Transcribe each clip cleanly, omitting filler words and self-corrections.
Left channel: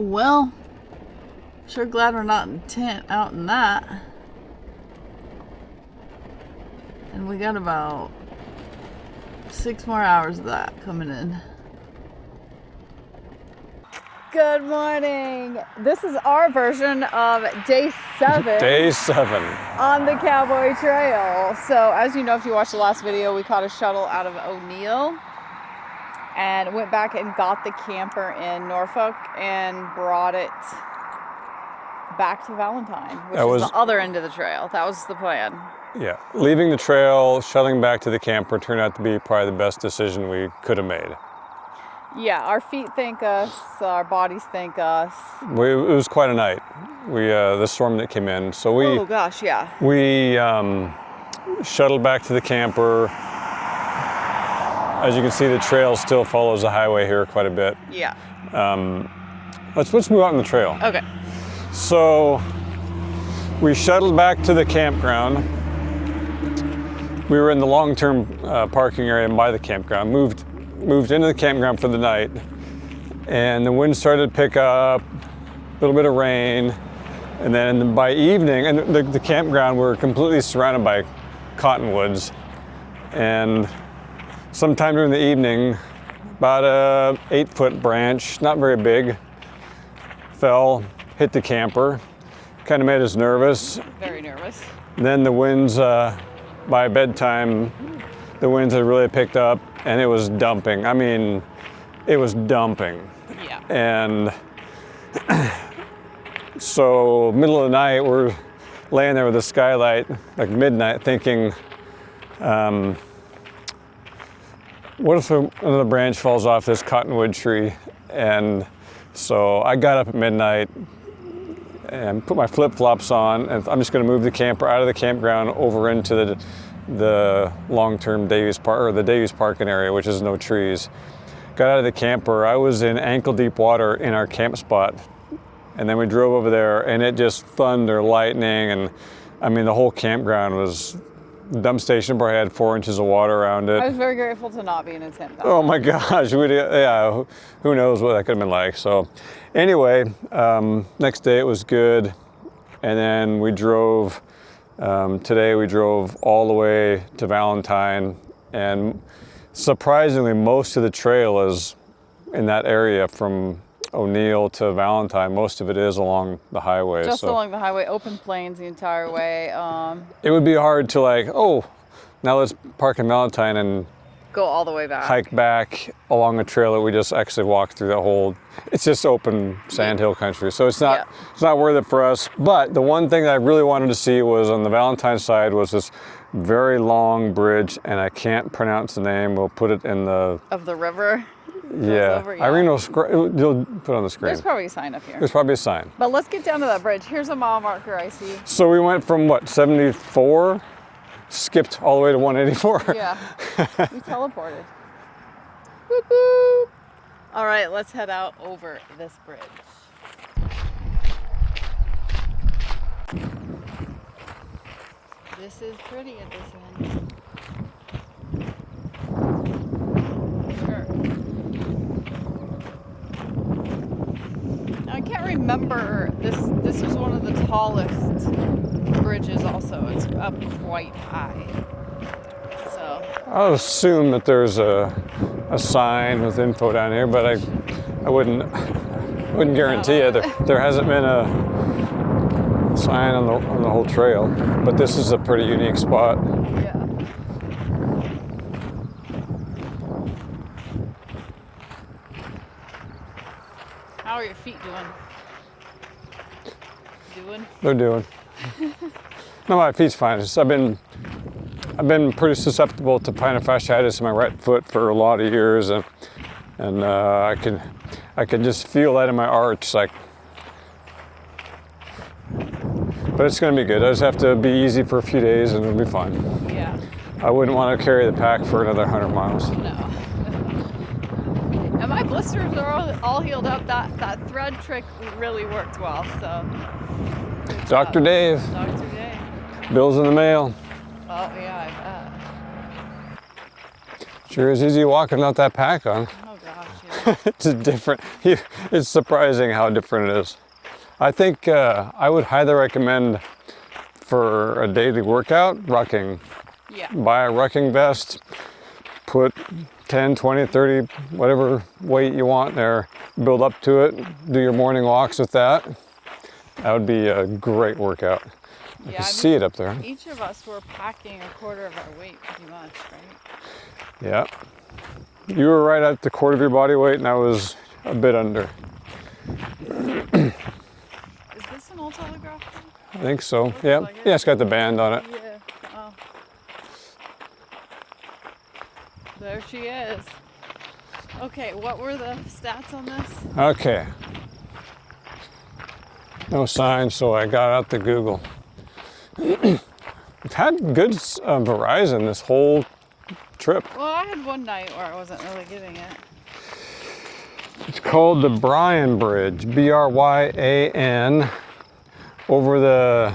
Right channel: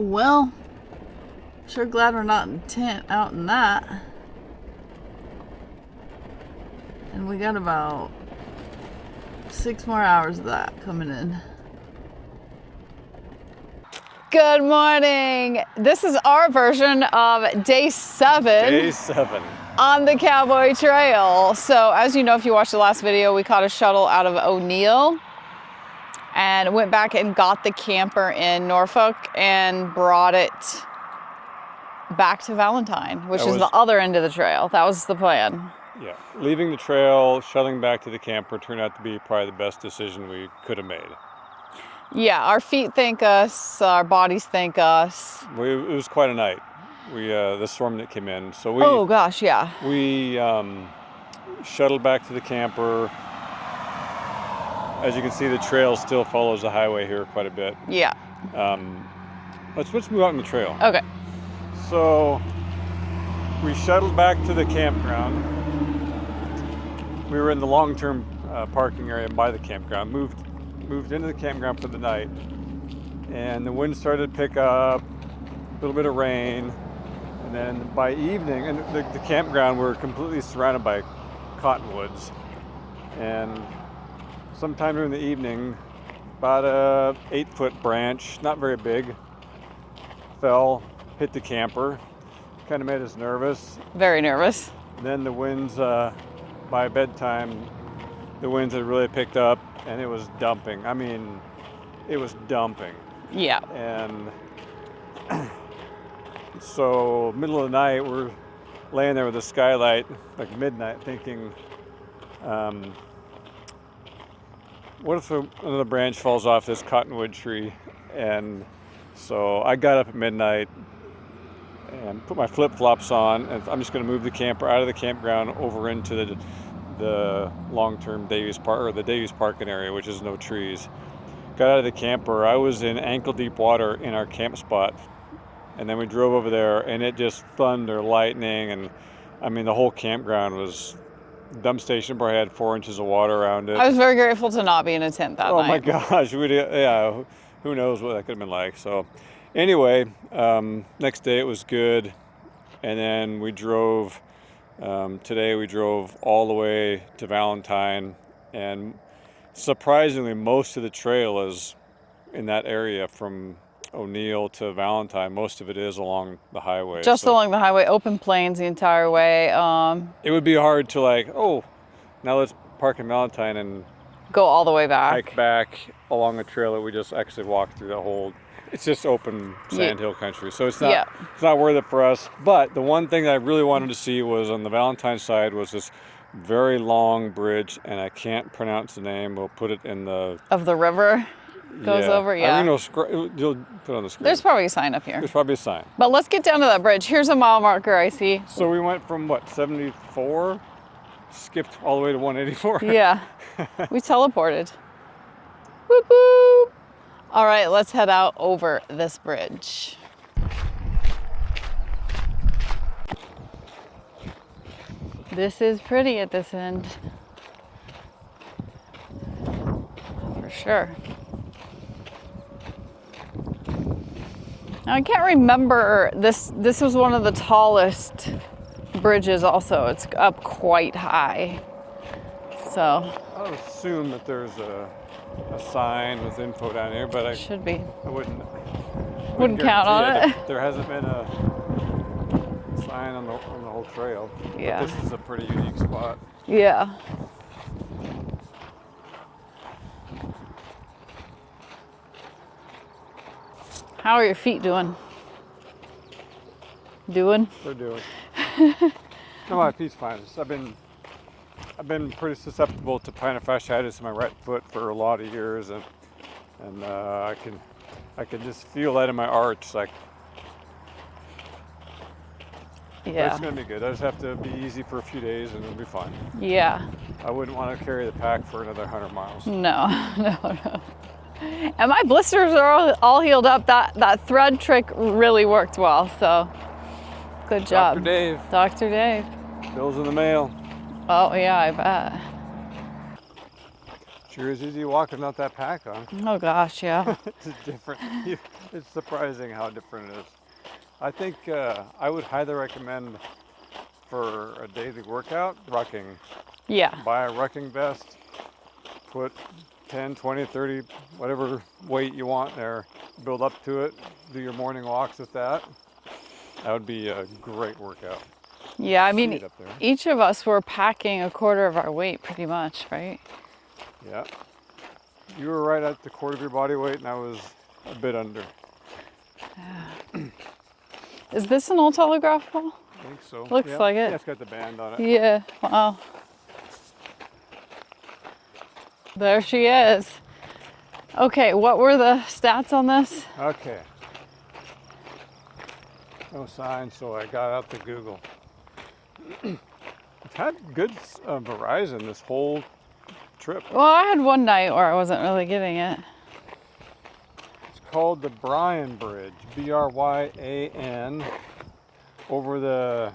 Well, sure glad we're not in tent out in that. And we got about 6 more hours of that coming in. Good morning. This is our version of day 7. Day 7. On the Cowboy Trail. So as you know, if you watched the last video, we caught a shuttle out of O'Neill and went back and got the camper in Norfolk and brought it back to Valentine, which is the other end of the trail. That was the plan. Yeah, leaving the trail, shuttling back to the camper turned out to be probably the best decision we could have made. Yeah, our feet thank us, our bodies thank us. It was quite a night. The storm that came in, so we. Oh gosh, yeah. We shuttled back to the camper. As you can see, the trail still follows the highway here quite a bit. Yeah. Let's move on the trail. Okay. So we shuttled back to the campground. We were in the long-term parking area by the campground. Moved into the campground for the night, and the wind started to pick up, a little bit of rain, and then by evening, and the campground, we're completely surrounded by cottonwoods, and sometime during the evening, about a 8-foot branch, not very big, fell, hit the camper, kind of made us nervous. Very nervous. Then the winds, by bedtime, the winds had really picked up and it was dumping. I mean, it was dumping. Yeah. And so middle of the night, we're laying there with the skylight, like midnight, thinking, what if another branch falls off this cottonwood tree? And so I got up at midnight and put my flip-flops on, and I'm just gonna move the camper out of the campground over into the long-term Davies Park, or the Davies parking area, which is no trees. Got out of the camper, I was in ankle-deep water in our camp spot, and then we drove over there, and it just thunder, lightning, and I mean, the whole campground was, the dump station probably had 4 inches of water around it. I was very grateful to not be in a tent that night. Oh my gosh, yeah, who knows what that could have been like. So anyway, next day it was good. And then we drove, today we drove all the way to Valentine. And surprisingly, most of the trail is in that area from O'Neill to Valentine. Most of it is along the highway. Just along the highway, open plains the entire way. It would be hard to like, oh, now let's park in Valentine and go all the way back. Hike back along a trail that we just actually walked through that whole, it's just open sandhill country. So it's not worth it for us. But the one thing that I really wanted to see was on the Valentine side was this very long bridge, and I can't pronounce the name. We'll put it in the... Of the river? Goes over, yeah. Irene you'll put it on the screen. There's probably a sign up here. There's probably a sign. But let's get down to that bridge. Here's a mile marker I see. So we went from what, 74? Skipped all the way to 184? Yeah, we teleported. Whoop whoop. All right, let's head out over this bridge. This is pretty at this end. For sure. Now, I can't remember, this was one of the tallest bridges also. It's up quite high. So I'll assume that there's a sign with info down here, but I wouldn't guarantee it. There hasn't been a sign on the whole trail, but this is a pretty unique spot. Yeah. How are your feet doing? They're doing. No, my feet's fine. I've been pretty susceptible to plantar fasciitis in my right foot for a lot of years, and I can just feel that in my arch, like. But it's gonna be good. I just have to be easy for a few days, and it'll be fine. Yeah. I wouldn't want to carry the pack for another 100 miles. No. And my blisters are all healed up. That thread trick really worked well, so good job. Dr. Dave. Dr. Dave. Bill's in the mail. Oh yeah, I bet. Sure is easy walking without that pack on. Oh gosh, yeah. It's different. It's surprising how different it is. I think I would highly recommend for a daily workout, rucking. Yeah. Buy a rucking vest, put 10, 20, 30, whatever weight you want there, build up to it, do your morning walks with that. That would be a great workout. Yeah, I mean, see it up there. Each of us were packing a quarter of our weight pretty much, right? Yeah. You were right at the quarter of your body weight and I was a bit under. Is this an old Telegraph ball? I think so. Looks yeah. like it. Yeah, it's got the band on it. Yeah, wow. There she is. Okay, what were the stats on this? Okay. No sign, so I got out the Google. We've had good Verizon this whole trip. Well, I had one night where I wasn't really getting it. It's called the Bryan Bridge, Bryan, over the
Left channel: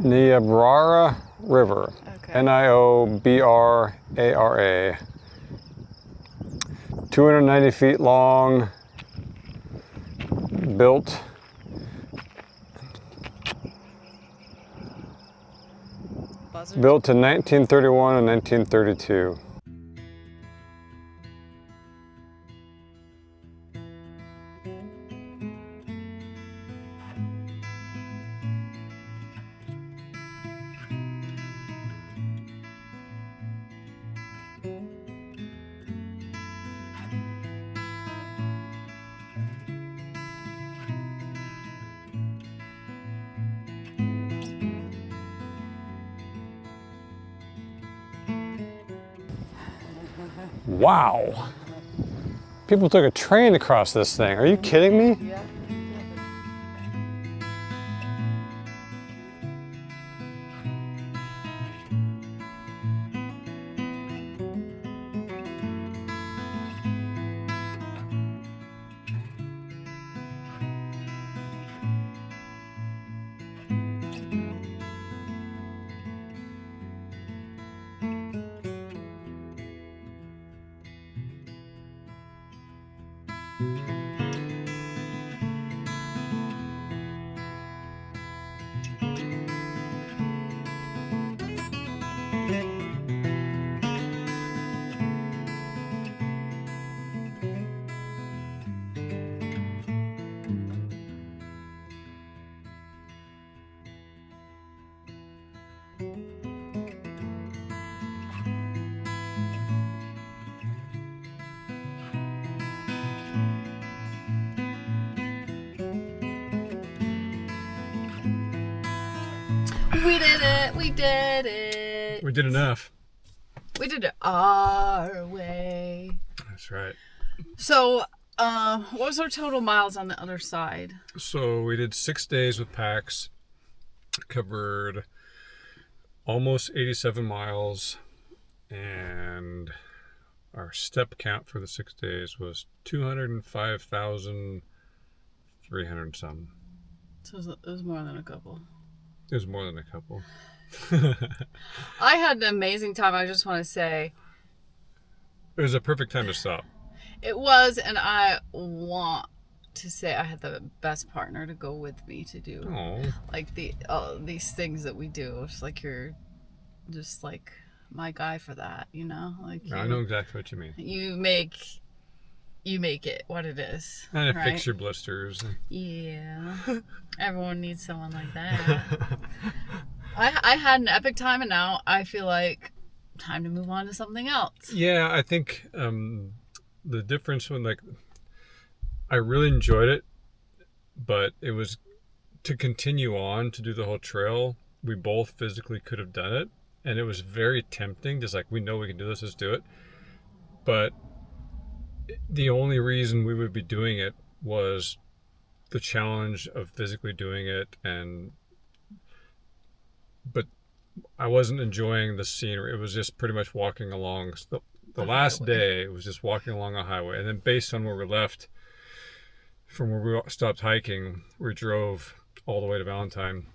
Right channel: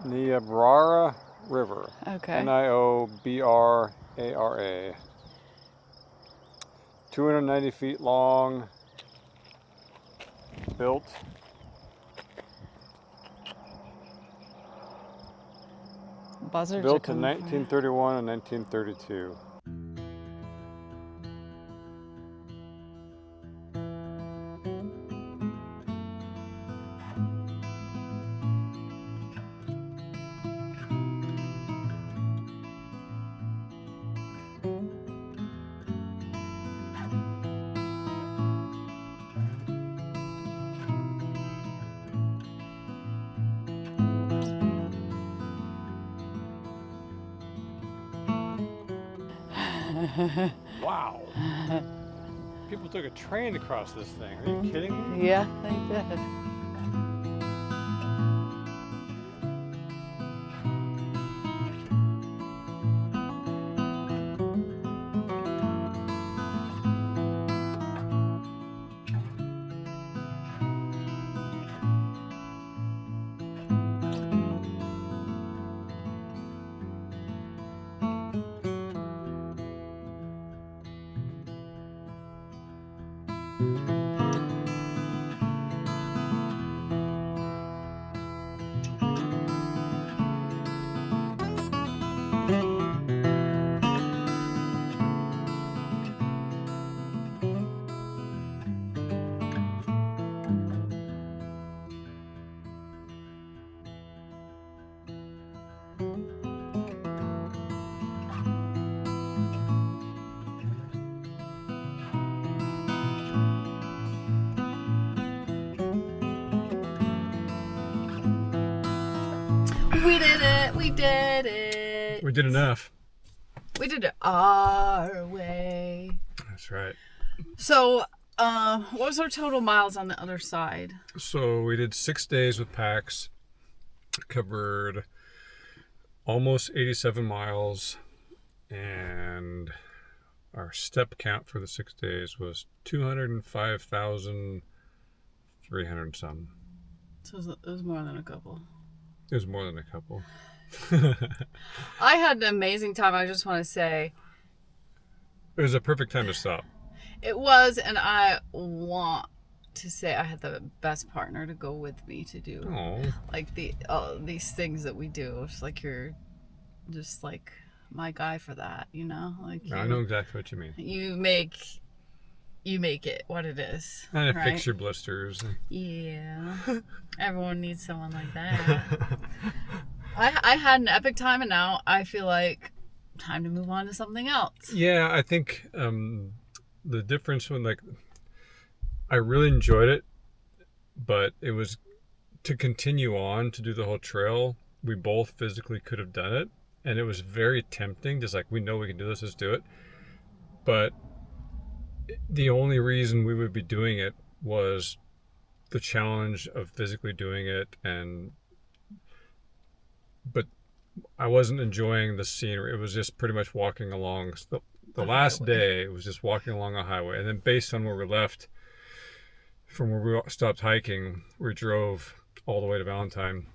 Niobrara River. Okay. Niobrara. 290 feet long, built. Built in 1931 and 1932. Wow. People took a train across this thing. Are you kidding me? Yeah, I did. We did it! We did it! We did enough. We did it our way. That's right. So, what was our total miles on the other side? So we did 6 days with packs, covered almost 87 miles, and our step count for the 6 days was 205,300 some. So it was more than a couple. It was more than a couple. I had an amazing time. I just want to say It was a perfect time to stop. it was, and I want to say I had the best partner to go with me to do like these things that we do. It's like you're just like my guy for that, you know? Like I know exactly what you mean. You make it what it is. And it right? fix your blisters. Yeah. Everyone needs someone like that. I had an epic time, and now I feel like time to move on to something else. Yeah, I think the difference when I really enjoyed it, but it was to continue on to do the whole trail. We both physically could have done it, and it was very tempting. Just like, we know we can do this, let's do it. But the only reason we would be doing it was the challenge of physically doing it, but I wasn't enjoying the scenery. It was just pretty much walking along. The last highway. day, it was just walking along a highway. And then based on where we left, from where we stopped hiking, we drove all the way to Valentine.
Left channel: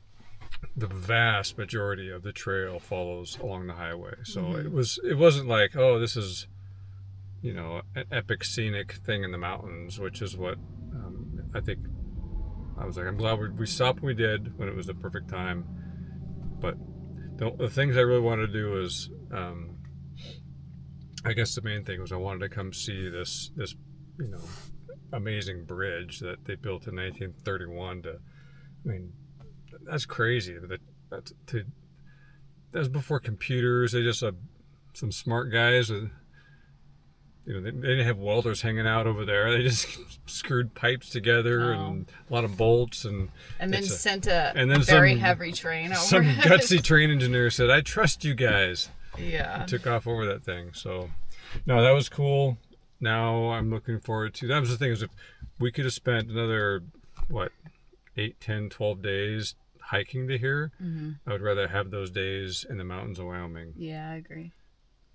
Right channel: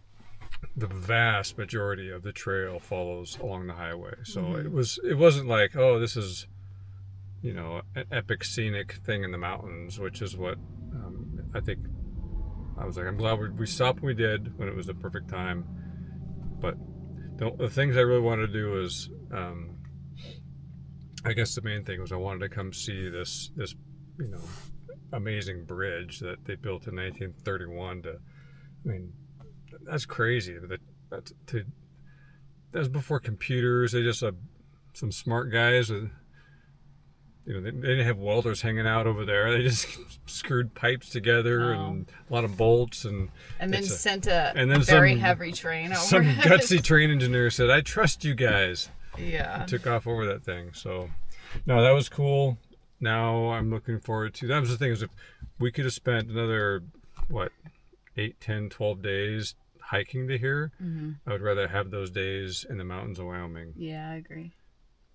the vast majority of the trail follows along the highway. So it wasn't like, oh, this is, you know, an epic scenic thing in the mountains, which is what I think. I was like, I'm glad we stopped when we did, when it was the perfect time. But the things I really wanted to do was, I guess the main thing was I wanted to come see this you know, amazing bridge that they built in 1931. I mean, that's crazy. That was before computers. They just some smart guys with, you know, they didn't have welders hanging out over there. They just screwed pipes together and a lot of bolts and then sent a very heavy train over. Some gutsy train engineer said, "I trust you guys." Yeah. And took off over that thing. So, no, that was cool. Now I'm looking forward to. That was the thing, is if we could have spent another 8, 10, 12 days hiking to here, I would rather have those days in the mountains of Wyoming. Yeah, I agree.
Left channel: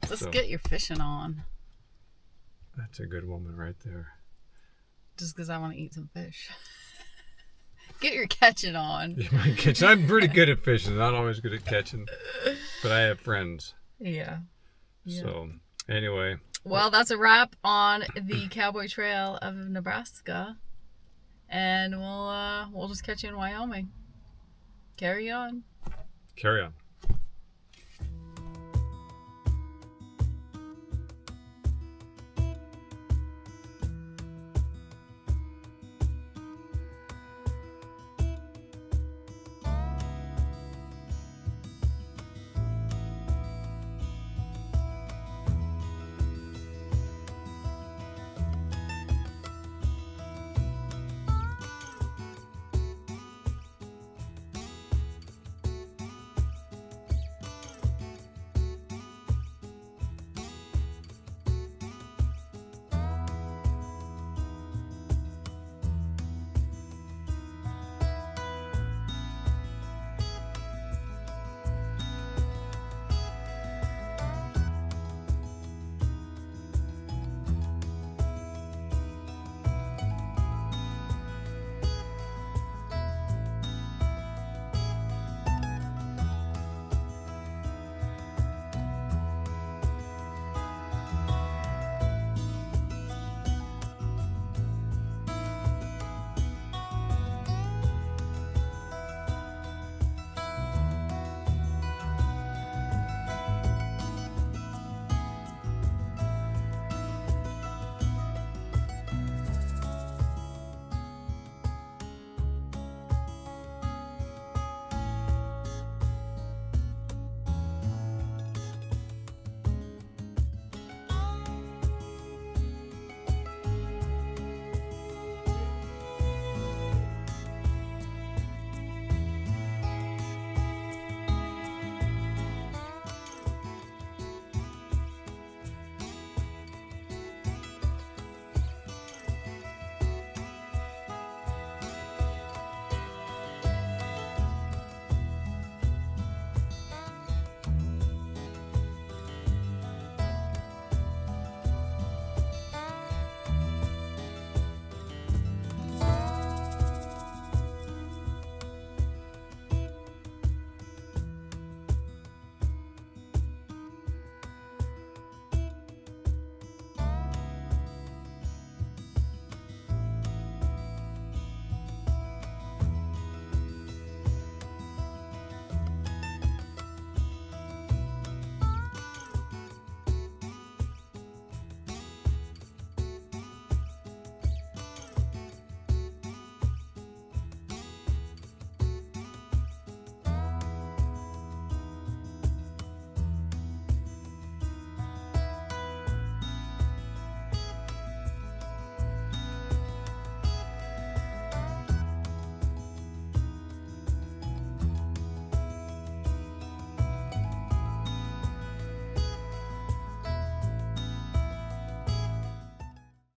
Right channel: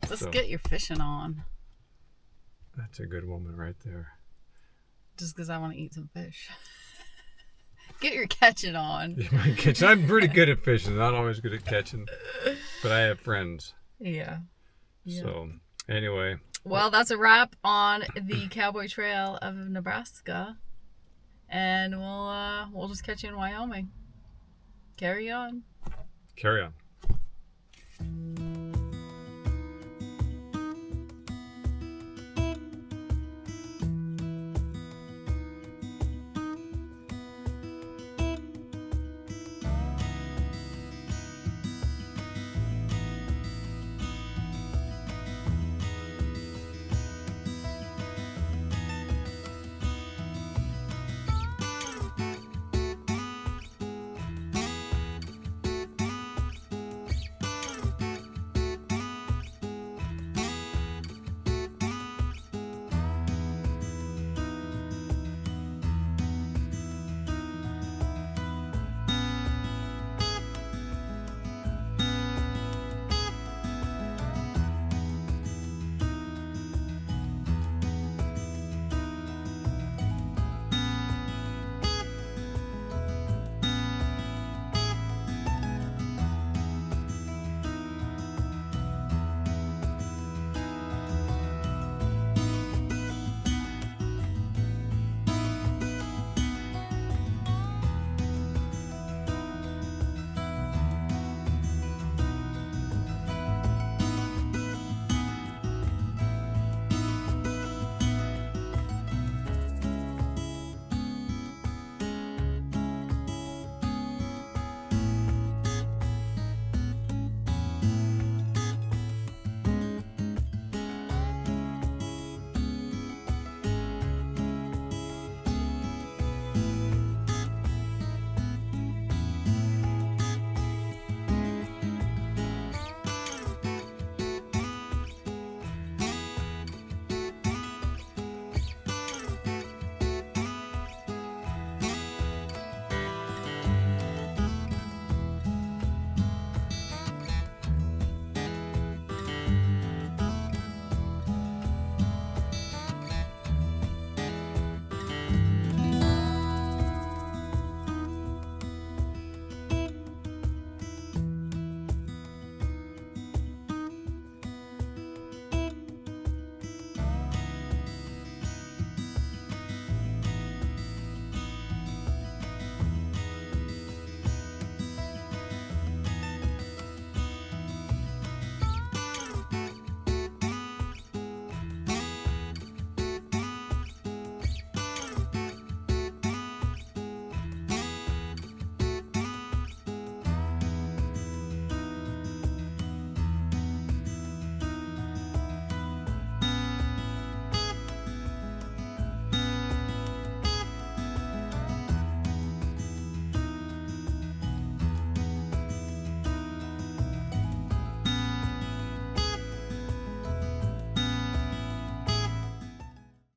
Let's get your fishing on. That's a good woman right there. Just because I want to eat some fish. Get your catching on. I'm pretty good at fishing. Not always good at catching, but I have friends. Yeah. So, anyway. Well, that's a wrap on the Cowboy Trail of Nebraska. And we'll just catch you in Wyoming. Carry on. Carry on.